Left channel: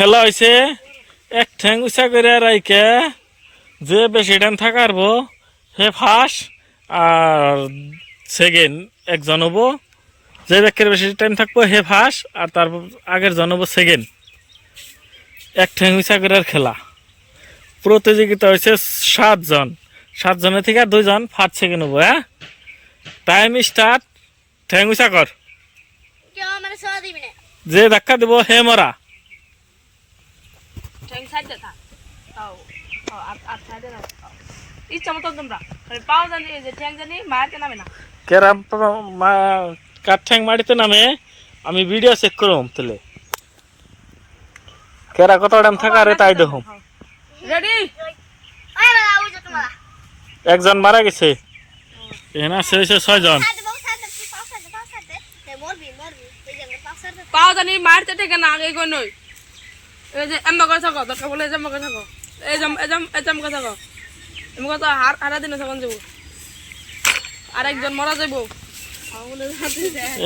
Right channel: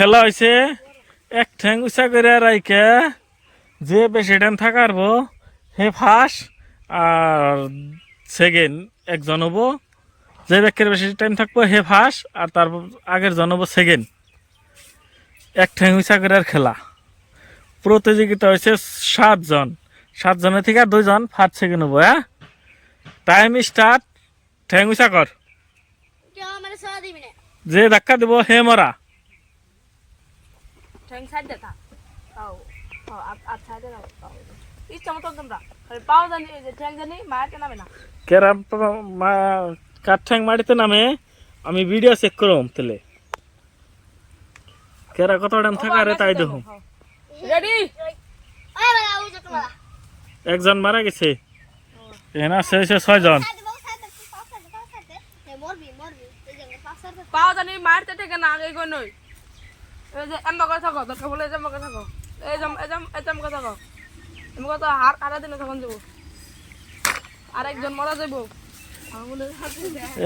খেলা হয়েছে এক ঠ্যাং উঁচা করে রাইকে যে বেশি টাইম থাকারবো হে ফার্স্ট আর সেকেন্ড একজন হবো, যে ব্যক্তির বেশি টাইম থাকবো হে ফার্স্ট আর তারপর আগের জন হবো সেকেন্ড। এক ঠ্যাং উঁচা করে খেলা প্রতিযোগিতা হয়েছে 7 জন, 7 জনের থেকে 2 জন ফার্স্ট সেকেন্ড হবো। হ্যাঁ, টাইম স্টার্ট। ঠ্যাং উঁচা কর, যে ধাক্কা দেবো হে মরা। কার ঠ্যাং মাটিতে নামে আমি ভিডিও চেক করম তাহলে কেরা কত টাইম থাকা রে তাই দেখুম। একজন মারা গেছে, এখানে আছে 6 জন। পাও জানি মারতে থেকে না আগে কই নই এই যে এমবা কথা কও দরকার বলে এমবা কথা কও এই জম কথা কও এমবা কথা হারা দিন তখন যাব আরেকজন মরা যাইব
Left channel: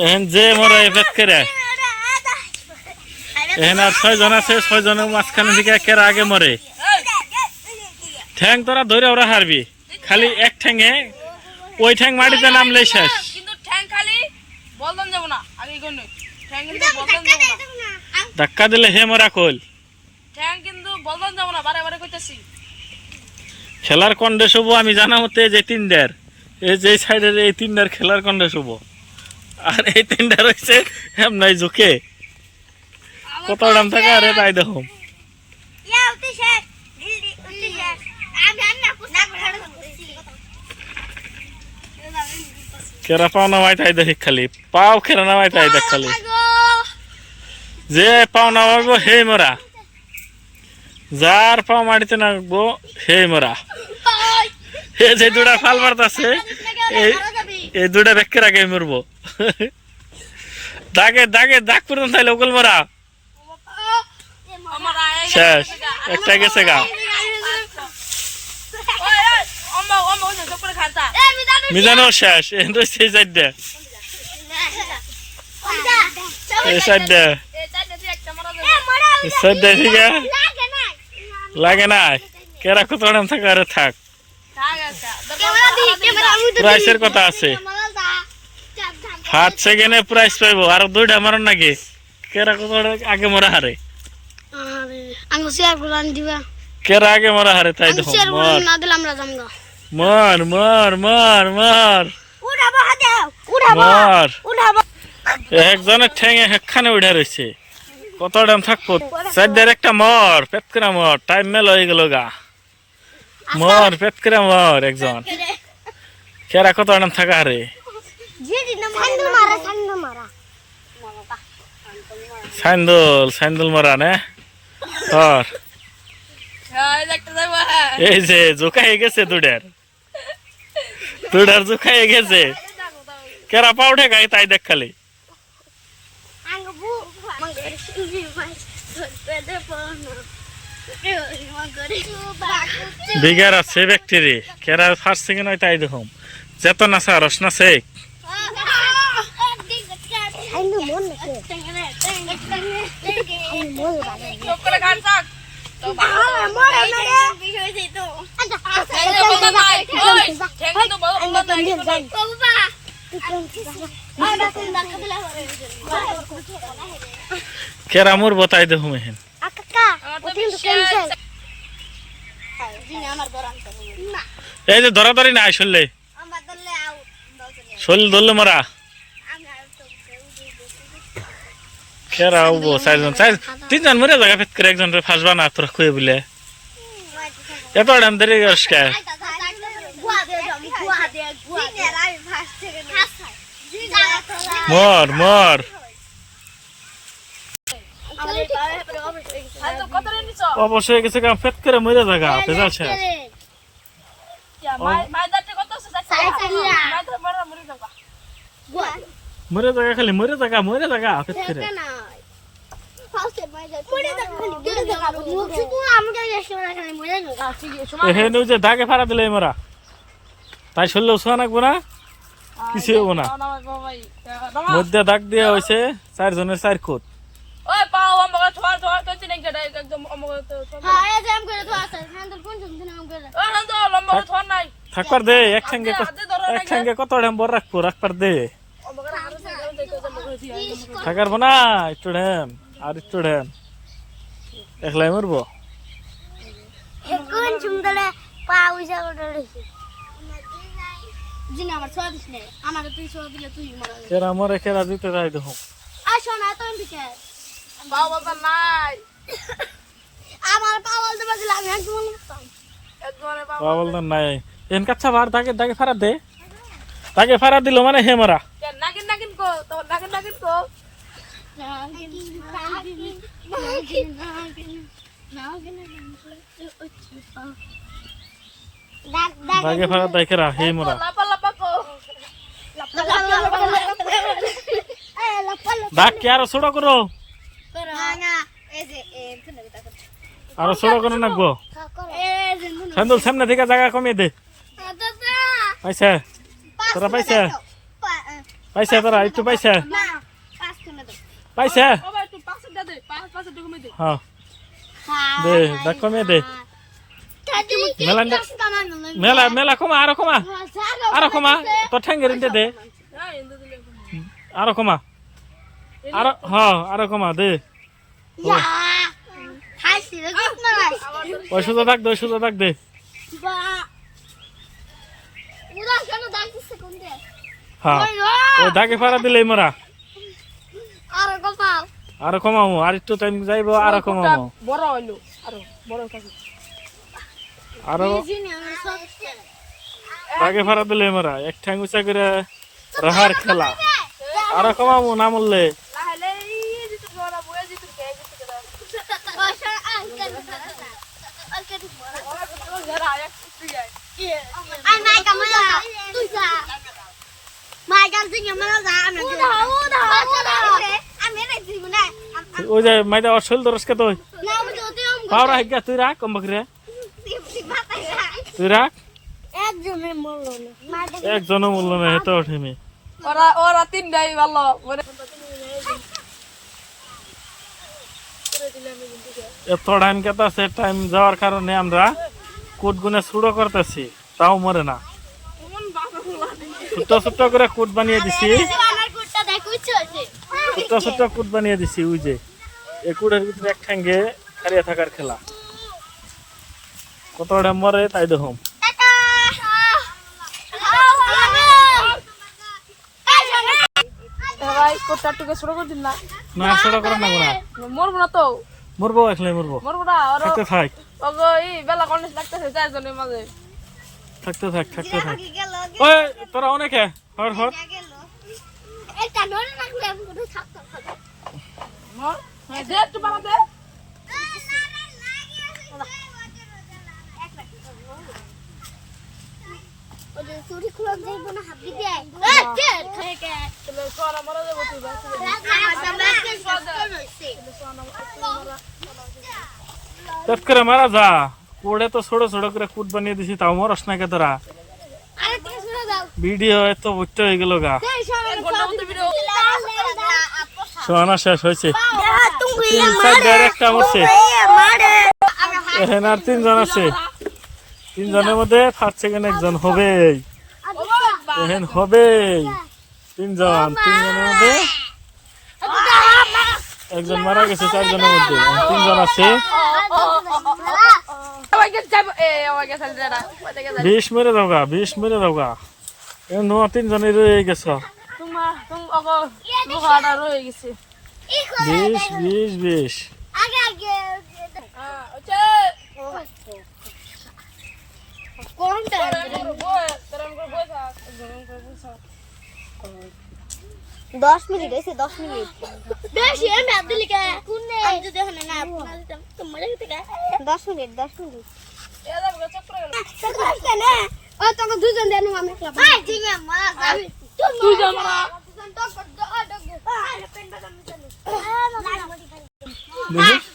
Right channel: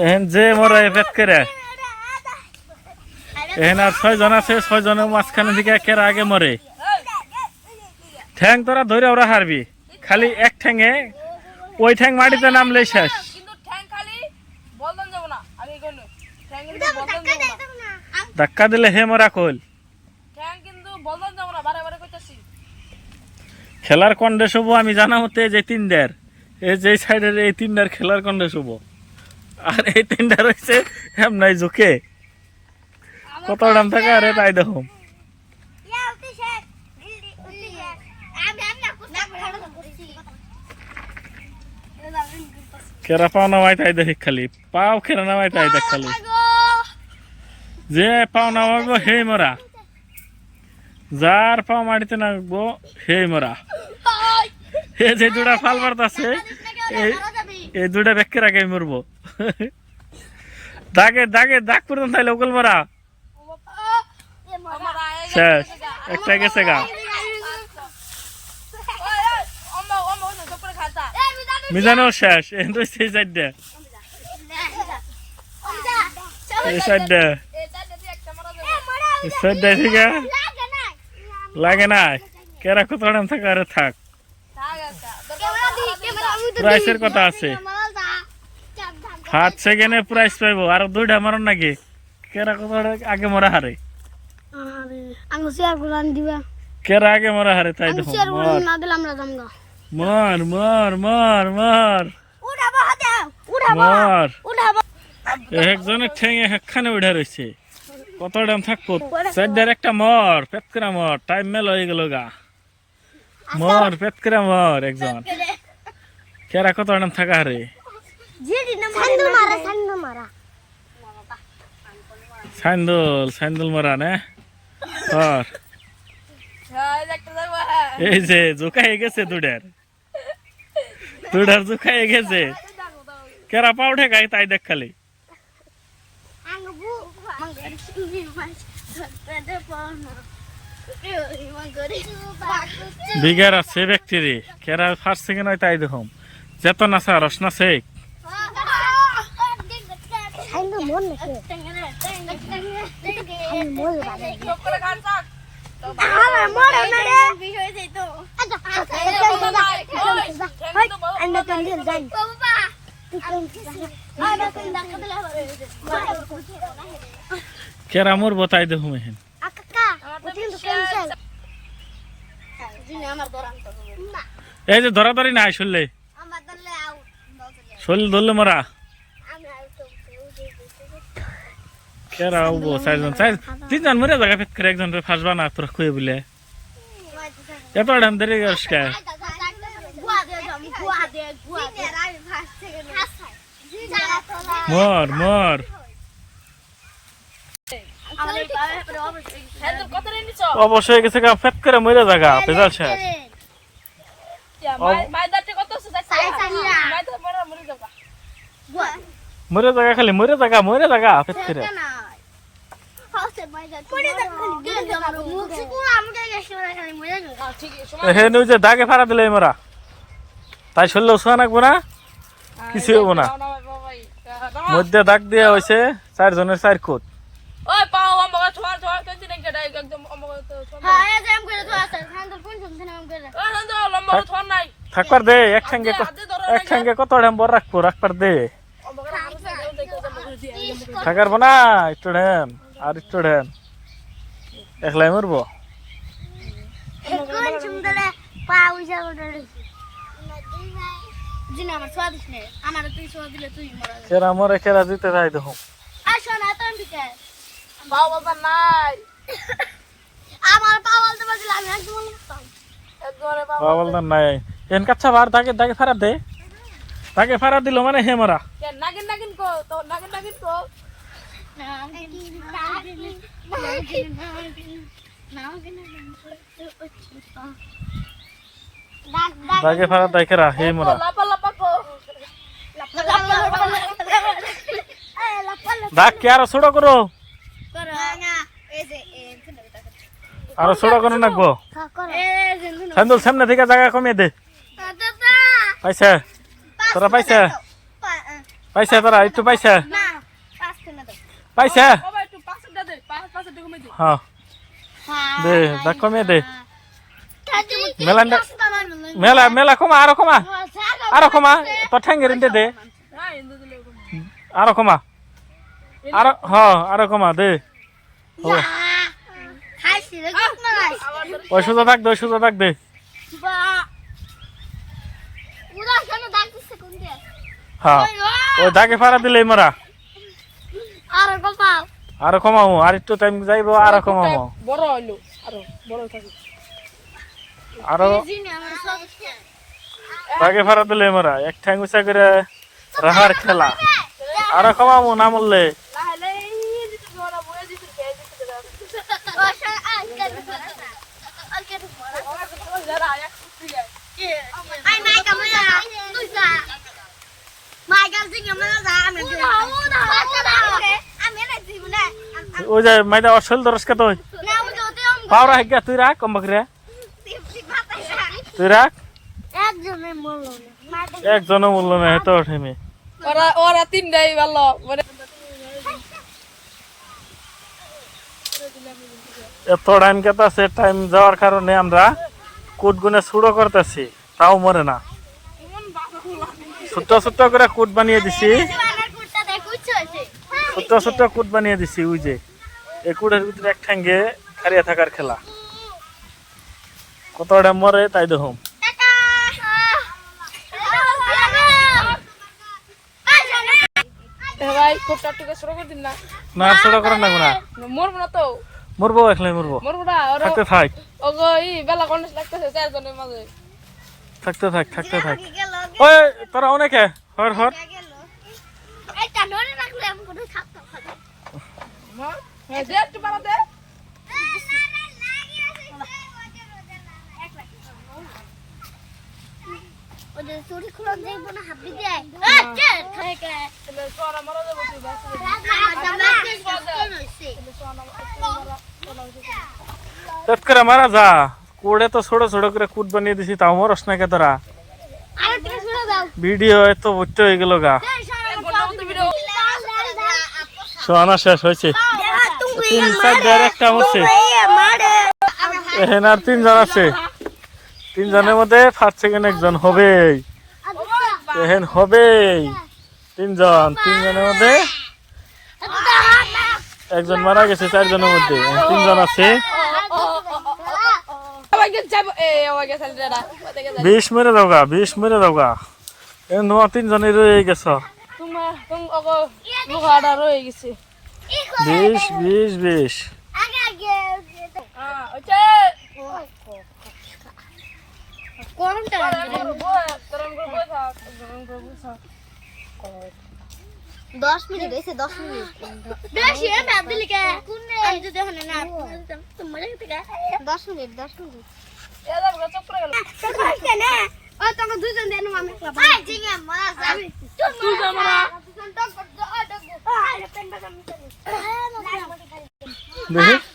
এহেন যে মরা এফেক্ট করে এহেন আর 6 জন আছে, 6 জনের মাঝখানে থেকে কেরা আগে মরে। ঠ্যাং তোরা ধরে ওরা হারবি, খালি এক ঠ্যাঙে ওই ঠ্যাং মাটিতে নামলে শেষ। কিন্তু ঠ্যাং খালি বলদন যাব না আগে কই নই ঠ্যাং কিন্তু বলদন যাব না ধাক্কা দিলে হে মরা কইল ঠ্যাং কিন্তু বলদন যাব না বারে বারে কইতাছি। খেলার কন্ডে শুভ আমি জানা মতে যে 3দের এই যে সাইডের এই 3দের খেলার কন্ডে শুভ, আর এই 3টা রয়েছে এমনাই ঝুঁকে কত দাম থাকে আরে তাই দেখো। কেরা পাও নামাই তাই দেখি, খালি পাও খেরা নামাই তাই দেখ, খালি যে পাও নামাইব হে মরা, যার পাও মাটিতে নামবো হে মরা। এই যে 2টা ফাল মারতাছে এই 2টা ব্যাকের আগে মরবো। দাগে দাগে দাগ পর্যন্ত তাইলে ওকল মরা শেষ। একটা গেছে গা, মিজানো শেষ। এই 4টা এই 4টা ঠিক লাগে না। কেরা কত টাইম থাকা আরে থাক, প্রাইসের কথা আছে। ফার্স্ট সেকেন্ডে প্রাইস পাইবো, আর 2টা মারন নাকি কেরা কত আগে মরা হারে, কেরা আগে মরা হারে তাই দেখো। মর মর মর মর মর। একজনের ঠেঙে একখানে উঠে রয়েছে, কত দাম থাকবো 4দের একটা মর পেট করে মর। টাইম মেল হয়ে গেল গা, মর পেট করে মর একজন। কেরা কত দাম থাকা হারে, সাইন্দুল সাইন্দুল মরা নে। এই যে জোকাই গেছে 2টার জোকাই গেছে, কেরা পাও ঠেকাই তাই দেখ খালি। বিঘার আছে ব্যক্তিরে কেরা ফার্স্ট সেকেন্ড হয় তাই দেখুম। যেত নাচা রস নাচে কেরা মরবো তাই দেখুম। এহেন এই যে ধরাধরি নাই শরীরে, শরীর ধরলে মরা। কেরা হবো 4 জন, 3জন মরে জায়গা ফেট করে একজন ফাঁসবা না তোরা খুঁয়ে বলে এত দাম দেরি করিস কে। মর মর অবশ্যই গেছে ফেট করে মরে জায়গা ভেজাল শেষ। মরে জায়গা খালি মরে জায়গা ফেট করে। এখানে যে দাগে ফাড়া দিলে মরা তাই শরীর শোয়া নাকবো না, কিছু হবো না। মধ্যে দাগ দিয়ে হয়েছে 4 জনের 4 কোট। কেডা একদম আমাকে তো হ্যাঁ এই যে আম করে তো আছে সান্দল কোন শুনছেন আম করে ও না তো লম্বা ছন নাই থাকবার দে এক সঙ্গে কত বড় রাখবার দে থাকারবো না একটু ঢেন আর একটু ঢেন একলাই মরবো কোন শুনদলে পা উইজা করে রইছে জিনি আমার সোয়া দিস নে আমার তুই সোয়া দিলে তুই মরা কেরা মরে কেরা দিতে যাই দেখো আসো না তো আমি কে বাবা তো নাই আমার পাওয়াল দেবা দিলাম আমি একদম একবারে বাবা বাবল না নাই এন কাচ্চা বার দাগে ফারাত দে দাগে ফারাত দিল মানে হে মরা কে নাগিন কো তো নাগিন কো দাগে ফারাত দাইকেরা হে মরা লাপা কো দাগ কে আরো ছোট করো আরো ছোট করে নাকবো সান্দুল সামনে থেকে জায়গা কমিয়ে দে পাইছে তোরা পাইছে পাইছে তোরা একটু পাইছে পাইছে বাবা একটু পাঁচটা দে পাঁচটা কমে দে হ্যাঁ দে দাগ কমিয়ে দে মেলা কমা আরো কমা তোর ঠ্যাঙ্গের ইন্দে দে হ্যাঁ ইন্দু দিলে আরো কমা আরো কমা দে ওই সুযোগ থাক দে হ্যাঁ ওই দাগে ফারা দিলে মরা আরো কমামো আর একটু টাইম যাইবো আরো কমামো বড় হইলো আরো বড় থাকি আরো দাগে ফারা দিলে মরা এক ঠ্যাং উঁচা করে রাহার খেলা আরো কমামো না মরলে লাহেলে জিতু বড় বয়ে জিতু কে জিতু জরা এক কুটি যায় ওই যে মাইদা অসল দরস কে তুই পাওরা হেগা তুই রাখ কমবকরে তুই রাখ একজনও মূল্য না হেতো ওঠেমি ওরা তিনটাই ভালো মানে এত টাইম কেতাছে টাইম যাওয়ার কারণে আমরা কুট গুনে ছুড়ো করতেছি তাও মরে না ছোট্ট করে কুট বানিয়ে দিছি ছোট্ট কুট বানিয়ে দিছি ওই যে এই কুটের ভিতরে এক ঠ্যাঙ্গে খারিয়া থাকার খেলা কতটা মরে তাই দেখুন ভাই কোটা টুকে শুরু করে দিন না না ছোট করে না গুনা মরবো না তো মরবো একলাই মরবো মরবো না আর থাকতে থাক ওগো এই বেলা কলেজ লাগতেছে চারজনের মাঝে থাকতে থাক ওই তোরা অনেকে হর মর দে একটু বাড়াতে চুরি খুলে যাইব না হাবি দেয় সোনা মরে যাবো তুই বাসে তেত করে মারা যা কোড়ে তো ছোট করে কুট বানিয়ে দিছি তাও মরস না কে তোরা ভিডিও এত বুঝতে হয়ে গেল গা সোনা শেষ হয়েছে 3-4 একটা মরছে এখানে আর 3 জন আছে 3 জনের মধ্যে ফার্স্ট সেকেন্ড একজন হবেই এহেন হবেই 3 জনের মধ্যে একজন মারা গেছে 4 জনের মধ্যে 3 জন আছে 20 মেরে দাও গা এ 3 জনের রয়ে গেছ তোমার মুখাটা রয়ে গেছে 20 কোনটা দশ মিনিট হয়েছে 10 মিনিট বেশি আমি দিলি কে আমি যদি এখন না তোমার 10 মিনিট ও তোকে দুজন দেন আমি একলা ভাই ঠিক আছে মারা যাবি দুজন দেখি